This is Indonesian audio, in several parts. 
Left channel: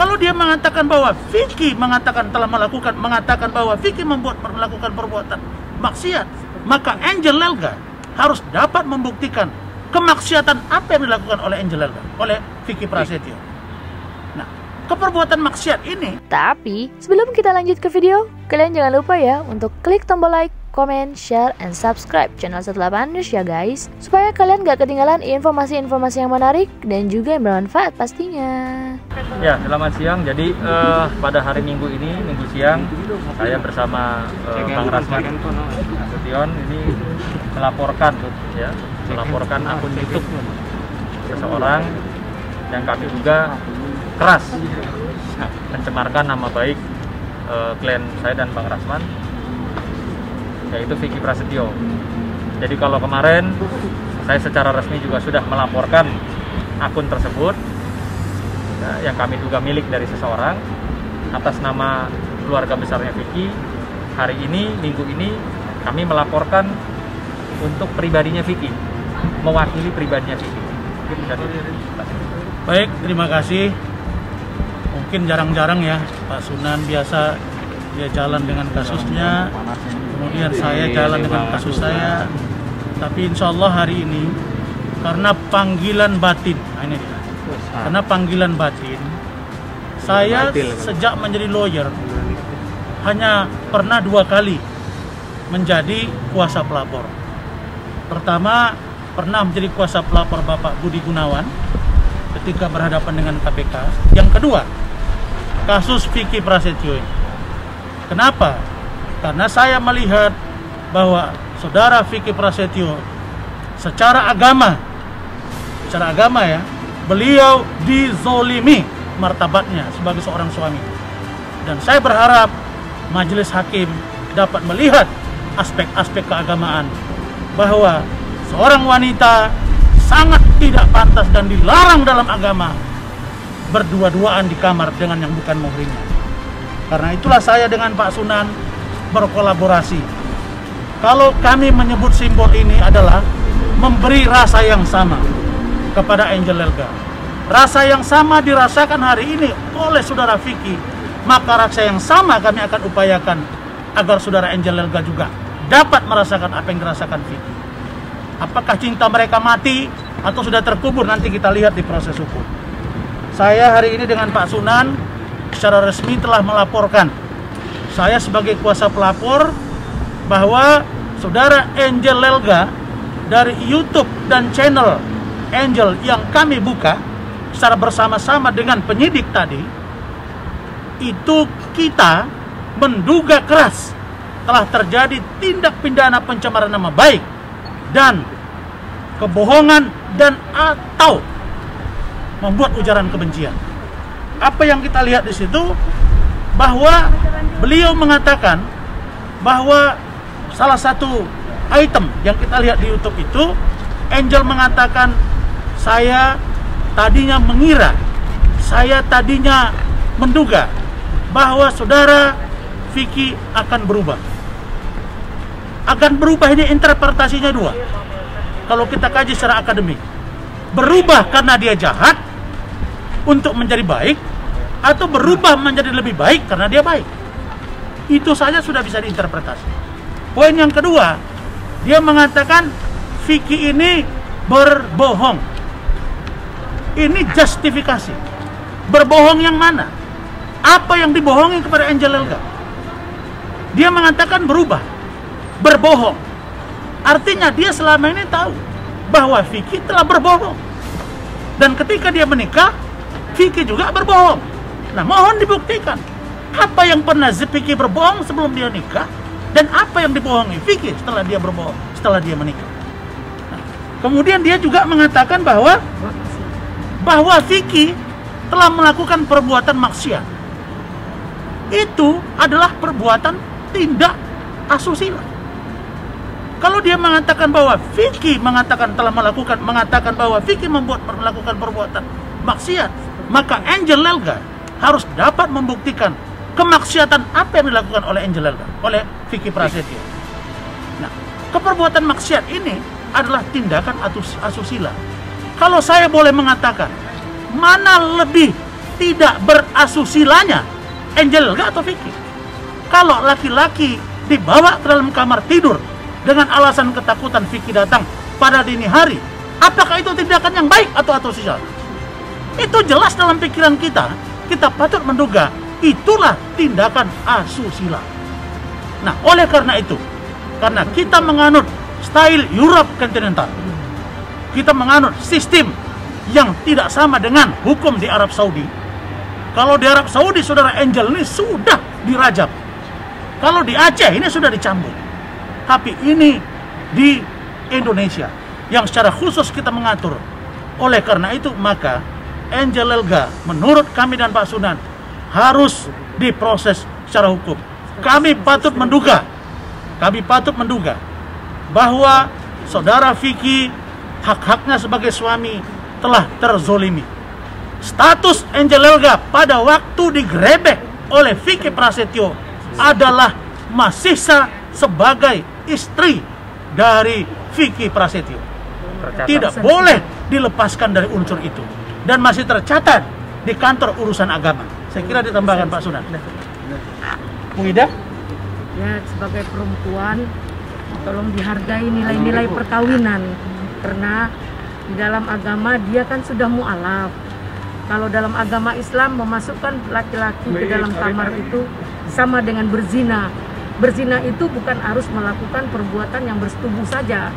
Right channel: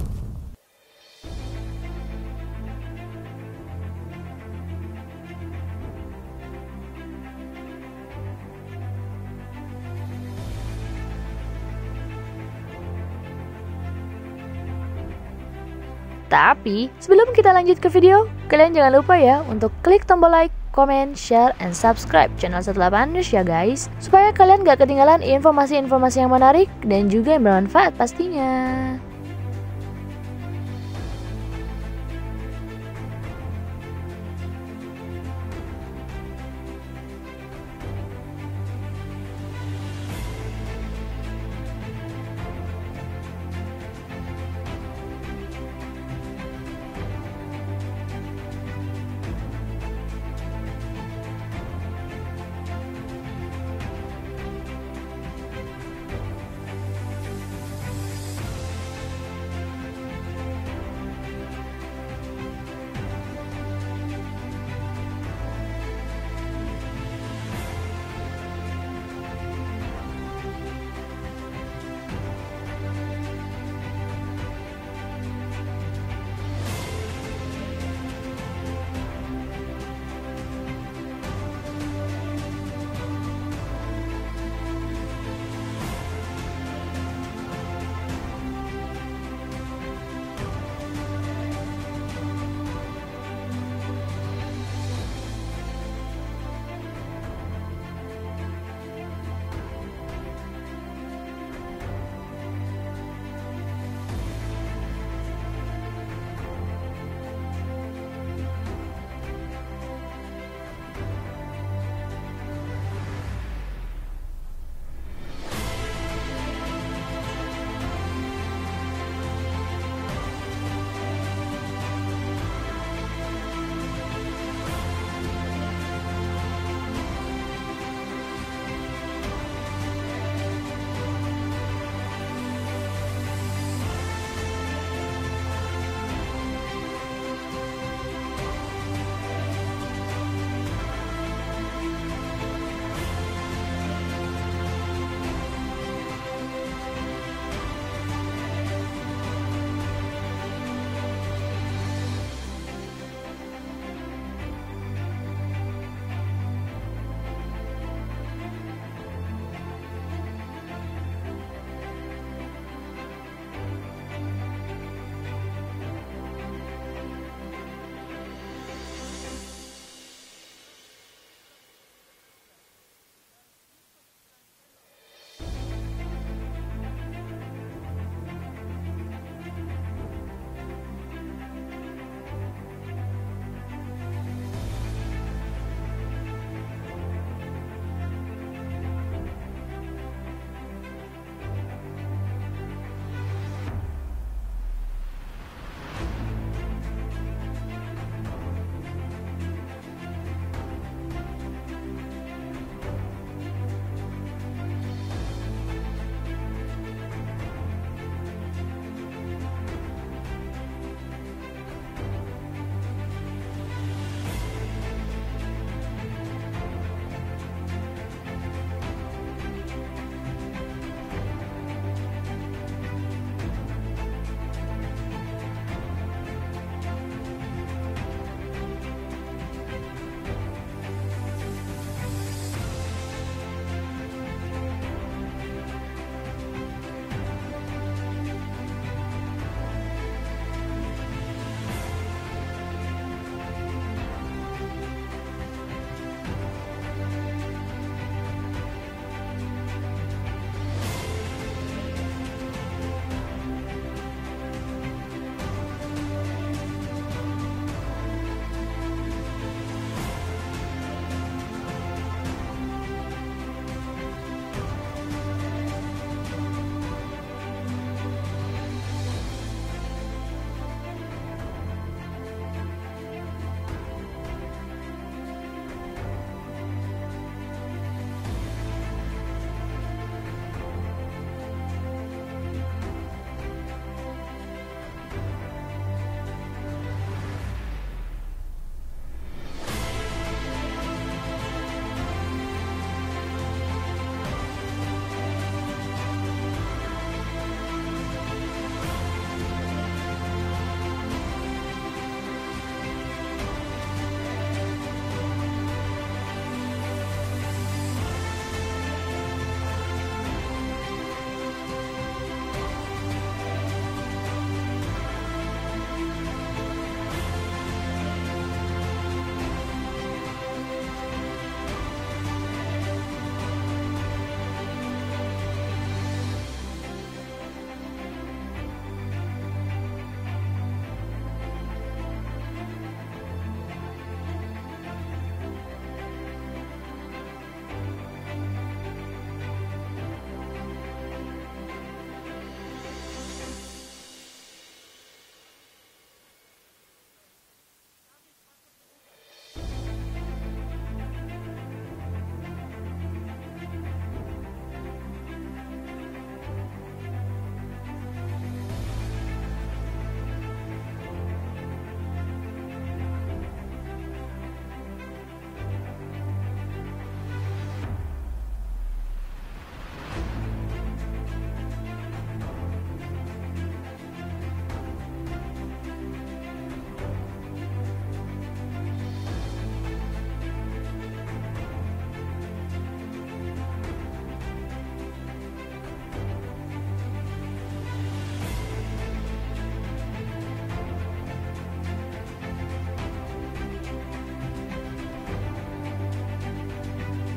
Kalau dia mengatakan bahwa Vicky mengatakan bahwa Vicky melakukan perbuatan maksiat, maka Angel Elga harus dapat membuktikan kemaksiatan apa yang dilakukan oleh Angel Elga, oleh Vicky Prasetyo. Nah, keperbuatan maksiat ini. Tapi sebelum kita lanjut ke video, kalian jangan lupa ya untuk klik tombol like, comment, share, and subscribe channel 18 News ya guys, supaya kalian gak ketinggalan informasi-informasi yang menarik dan juga yang bermanfaat pastinya. Ya, selamat siang. Jadi pada hari Minggu ini, Minggu siang, saya bersama Bang Rasman Nasution ini melaporkan akun YouTube seseorang yang kami duga keras mencemarkan nama baik klien saya dan Bang Rasman, yaitu Vicky Prasetyo. Jadi kalau kemarin saya secara resmi juga sudah melaporkan akun tersebut yang kami duga milik dari seseorang atas nama keluarga besarnya Vicky. Hari ini, Minggu ini, kami melaporkan untuk pribadinya Vicky, mewakili pribadinya Vicky. Baik, terima kasih. Mungkin jarang-jarang ya Pak Sunan, biasa dia jalan dengan kasusnya, kemudian saya jalan dengan kasus saya. Tapi insya Allah hari ini karena panggilan batin, karena panggilan batin, saya sejak menjadi lawyer hanya pernah 2 kali menjadi kuasa pelapor. Pertama, pernah menjadi kuasa pelapor Bapak Budi Gunawan ketika berhadapan dengan KPK. Yang kedua, kasus Vicky Prasetyo ini. Kenapa? Karena saya melihat bahwa saudara Vicky Prasetyo secara agama ya, beliau dizolimi martabatnya sebagai seorang suami. Dan saya berharap majelis hakim dapat melihat aspek-aspek keagamaan bahwa seorang wanita sangat tidak pantas dan dilarang dalam agama berdua-duaan di kamar dengan yang bukan muhrimnya. Karena itulah saya dengan Pak Sunan berkolaborasi. Kalau kami menyebut simbol ini adalah memberi rasa yang sama kepada Angel Elga. Rasa yang sama dirasakan hari ini oleh saudara Vicky, maka rasa yang sama kami akan upayakan agar saudara Angel Elga juga dapat merasakan apa yang dirasakan Vicky. Apakah cinta mereka mati atau sudah terkubur, nanti kita lihat di proses hukum. Saya hari ini dengan Pak Sunan secara resmi telah melaporkan, saya sebagai kuasa pelapor, bahwa saudara Angel Elga dari YouTube dan channel Angel yang kami buka secara bersama-sama dengan penyidik tadi, itu kita menduga keras telah terjadi tindak pidana pencemaran nama baik dan kebohongan dan atau membuat ujaran kebencian. Apa yang kita lihat di situ, bahwa beliau mengatakan bahwa salah satu item yang kita lihat di YouTube itu, Angel mengatakan, saya tadinya mengira, saya tadinya menduga bahwa saudara Vicky akan berubah. Akan berubah ini interpretasinya 2. Kalau kita kaji secara akademik, berubah karena dia jahat untuk menjadi baik, atau berubah menjadi lebih baik karena dia baik. Itu saja sudah bisa diinterpretasi. Poin yang kedua, dia mengatakan Vicky ini berbohong. Ini justifikasi. Berbohong yang mana? Apa yang dibohongi kepada Angel Elga? Dia mengatakan berubah, berbohong. Artinya dia selama ini tahu bahwa Vicky telah berbohong. Dan ketika dia menikah, Vicky juga berbohong. Nah, mohon dibuktikan apa yang pernah Vicky berbohong sebelum dia nikah dan apa yang dibohongi Vicky setelah dia berbohong, setelah dia menikah. Nah, kemudian dia juga mengatakan bahwa Vicky telah melakukan perbuatan maksiat. Itu adalah perbuatan tindak asusila. Kalau dia mengatakan bahwa Vicky mengatakan bahwa Vicky melakukan perbuatan maksiat, maka Angel Elga harus dapat membuktikan kemaksiatan apa yang dilakukan oleh Angel Elga, oleh Vicky Prasetyo. Nah, keperbuatan maksiat ini adalah tindakan asusila. Kalau saya boleh mengatakan, mana lebih tidak berasusilanya, Angel Elga atau Vicky? Kalau laki-laki dibawa ke dalam kamar tidur dengan alasan ketakutan Vicky datang pada dini hari, apakah itu tindakan yang baik atau asusila? Itu jelas dalam pikiran kita. Kita patut menduga itulah tindakan asusila. Nah, oleh karena itu, karena kita menganut style Europe kontinental, kita menganut sistem yang tidak sama dengan hukum di Arab Saudi. Kalau di Arab Saudi, saudara Angel ini sudah dirajam. Kalau di Aceh ini sudah dicambuk. Tapi ini di Indonesia yang secara khusus kita mengatur. Oleh karena itu, maka Angel Elga menurut kami dan Pak Sunan harus diproses secara hukum. Kami patut menduga bahwa saudara Vicky hak-haknya sebagai suami telah terzolimi. Status Angel Elga pada waktu digrebek oleh Vicky Prasetyo adalah masih sebagai istri dari Vicky Prasetyo. Tidak boleh dilepaskan dari unsur itu. Dan masih tercatat di kantor urusan agama. Saya kira ditambahkan Pak Sunan. Bu Ida? Ya, sebagai perempuan, tolong dihargai nilai-nilai perkawinan. Karena di dalam agama dia kan sudah mu'alaf. Kalau dalam agama Islam memasukkan laki-laki ke dalam kamar itu sama dengan berzina. Berzina itu bukan harus melakukan perbuatan yang bersetubuh saja.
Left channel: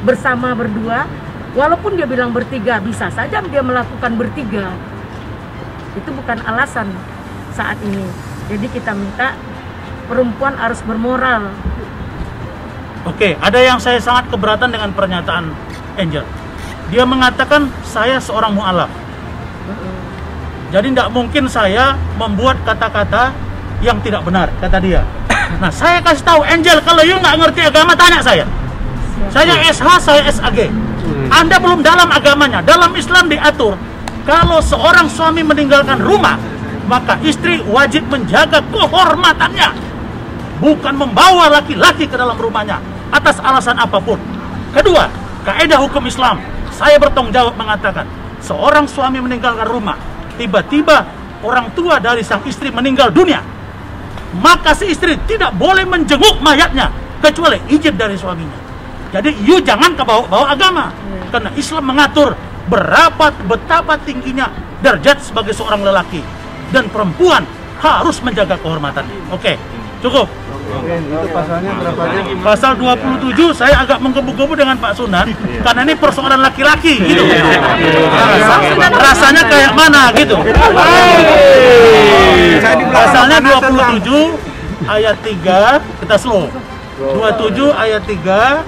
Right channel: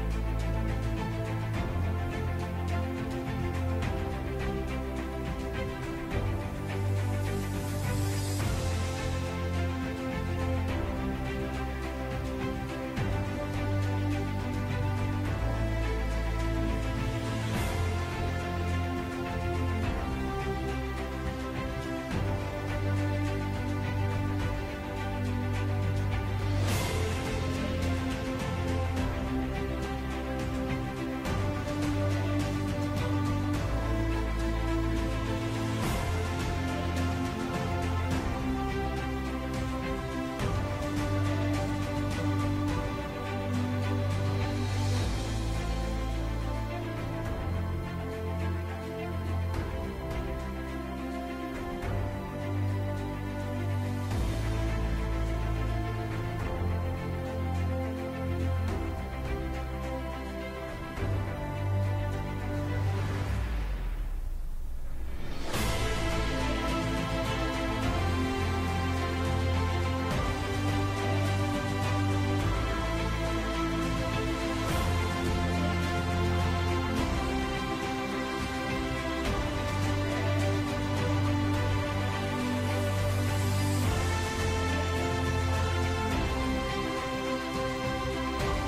Bersama berdua, walaupun dia bilang bertiga, bisa saja dia melakukan bertiga. Itu bukan alasan saat ini. Jadi kita minta perempuan harus bermoral. Oke, ada yang saya sangat keberatan dengan pernyataan Angel. Dia mengatakan saya seorang mu'alaf. Jadi tidak mungkin saya membuat kata-kata yang tidak benar, kata dia. Nah, saya kasih tahu Angel, kalau you nggak ngerti agama, tanya saya. Saya SH, saya SAG. Anda belum dalam agamanya. Dalam Islam diatur, kalau seorang suami meninggalkan rumah, maka istri wajib menjaga kehormatannya, bukan membawa laki-laki ke dalam rumahnya atas alasan apapun. Kedua, kaidah hukum Islam, saya bertanggung jawab mengatakan, seorang suami meninggalkan rumah, tiba-tiba orang tua dari sang istri meninggal dunia, maka si istri tidak boleh menjenguk mayatnya kecuali izin dari suaminya. Jadi you jangan kebawa-bawa agama, karena Islam mengatur betapa tingginya derajat sebagai seorang lelaki, dan perempuan harus menjaga kehormatannya. Oke, cukup. Oke, itu pasalnya berapa? Pasal 27 saya agak menggebu-gebu dengan Pak Sunan karena ini persoalan laki-laki gitu. Rasanya kayak mana gitu. Pasalnya 27 ayat 3, kita slow. 27 ayat 3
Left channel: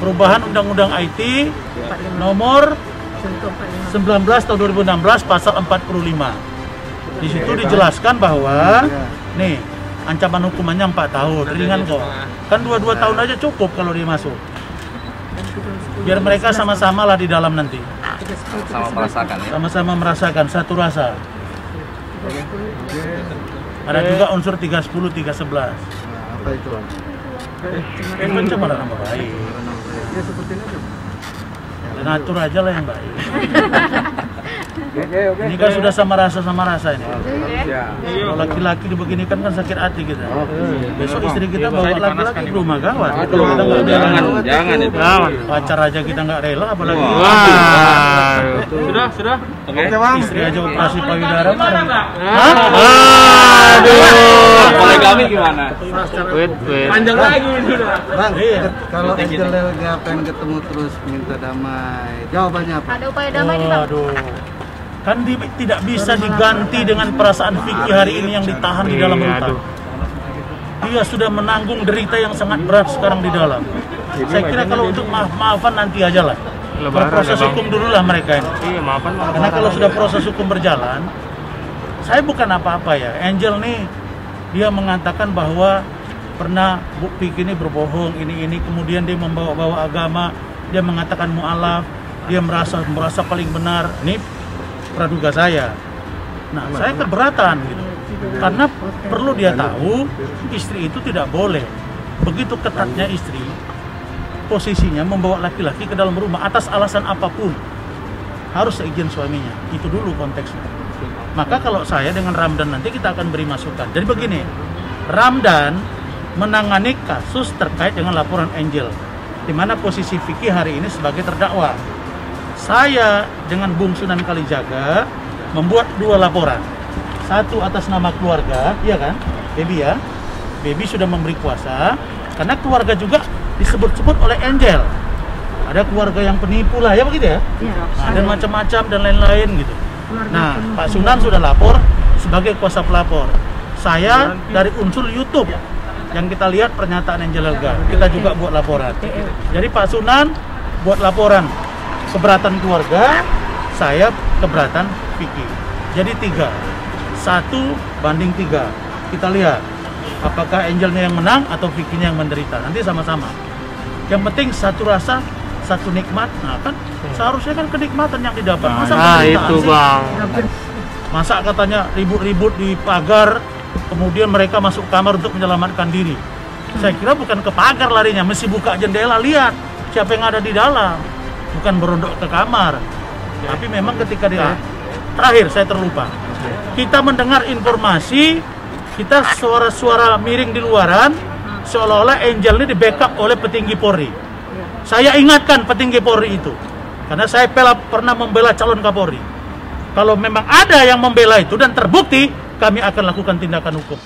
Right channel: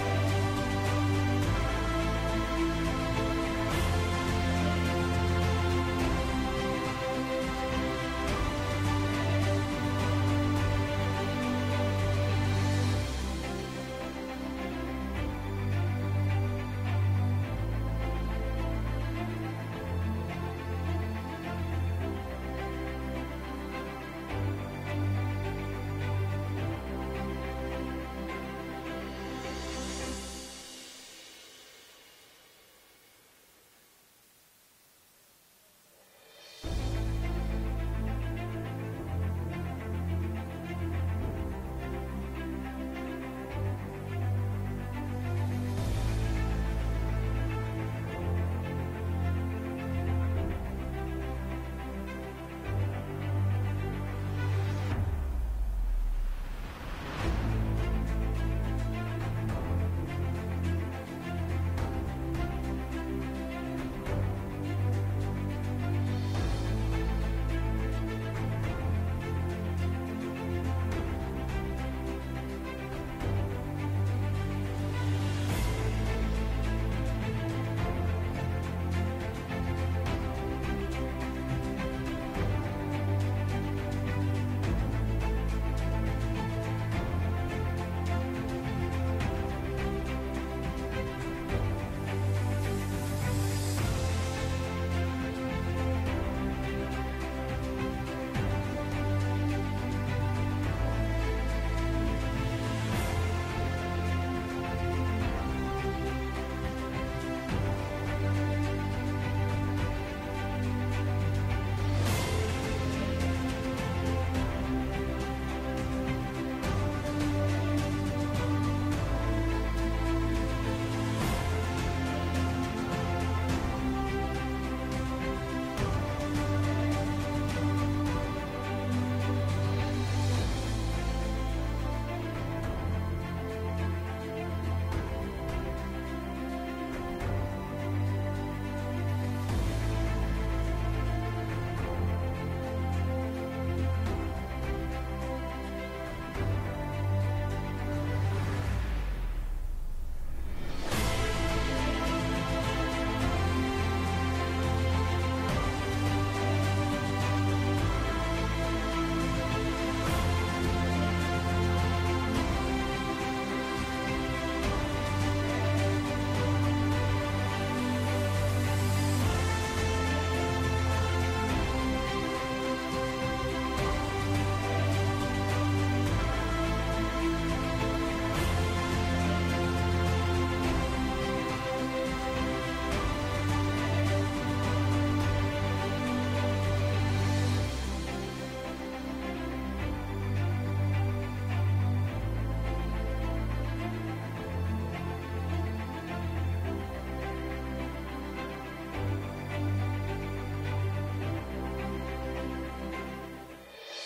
perubahan Undang-Undang IT nomor 19 tahun 2016 pasal 45. Di situ dijelaskan bahwa nih ancaman hukumannya 4 tahun, ringan kok. Kan 2 tahun aja cukup kalau dia masuk. Biar mereka sama-sama lah di dalam nanti. Sama merasakan ya. Sama-sama merasakan satu rasa. Ada juga unsur 310, 311. Apa itu? Itu pencemaran nama baik. Ngatur aja lah yang baik. Ini kan sudah sama rasa ini. Kalau laki-laki dibeginikan kan sakit hati kita. Besok istri kita bawa laki-laki ke rumah gawat. Kalau kita nggak rela, Jangan itu. pacar aja kita nggak rela, apalagi Sudah. istri aja operasi payudara. Poligami gimana? Panjang lagi sudah. Bang, Iya. kalau Angel Elga pengen ketemu terus minta damai, jawabannya apa? Ada upaya damai nih, Bang. Waduh. Kan tidak bisa diganti dengan perasaan Vicky hari ini yang ditahan di dalam rutan. Dia sudah menanggung derita yang sangat berat sekarang di dalam. Saya kira kalau untuk maaf-maafan nanti aja lah. Berproses hukum dulu lah mereka ini. Karena kalau sudah proses hukum berjalan, saya bukan apa-apa ya. Angel nih, dia mengatakan bahwa pernah Bu Vicky ini berbohong, ini kemudian dia membawa-bawa agama, dia mengatakan mu'alaf, dia merasa paling benar. Ini praduga saya. Nah, saya keberatan gitu. Karena perlu dia tahu istri itu tidak boleh. Begitu ketatnya istri posisinya membawa laki-laki ke dalam rumah atas alasan apapun. harus seizin suaminya. Itu dulu konteksnya. Maka kalau saya dengan Ramdan nanti kita akan beri masukan. Jadi begini, Ramdan menangani kasus terkait dengan laporan Angel, di mana posisi Vicky hari ini sebagai terdakwa. Saya dengan Bung Sunan Kalijaga membuat 2 laporan. Satu atas nama keluarga, iya kan, Baby ya. Baby sudah memberi kuasa, karena keluarga juga disebut-sebut oleh Angel. Ada keluarga yang penipu lah, ya begitu ya? Iya. Dan macam-macam dan lain-lain gitu. Nah, Pak Sunan sudah lapor sebagai kuasa pelapor. Saya dari unsur YouTube yang kita lihat pernyataan Angel Elga, kita juga buat laporan. Jadi Pak Sunan buat laporan keberatan keluarga, saya keberatan Vicky. Jadi 3, 1 banding 3. Kita lihat apakah Angelnya yang menang atau Vicky-nya yang menderita. Nanti sama-sama. Yang penting satu rasa, satu nikmat. Nah kan seharusnya kan kenikmatan yang didapat. Masa itu sih? bang. Masa katanya ribut-ribut di pagar, kemudian mereka masuk kamar untuk menyelamatkan diri. Saya kira bukan ke pagar larinya, mesti buka jendela, lihat siapa yang ada di dalam. Bukan berondok ke kamar. Tapi memang ketika dia terakhir saya terlupa. Kita mendengar informasi, kita suara-suara miring di luaran, seolah-olah Angel ini di backup oleh petinggi Polri. Saya ingatkan petinggi Polri itu, karena saya pernah membela calon Kapolri. Kalau memang ada yang membela itu dan terbukti, kami akan lakukan tindakan hukum.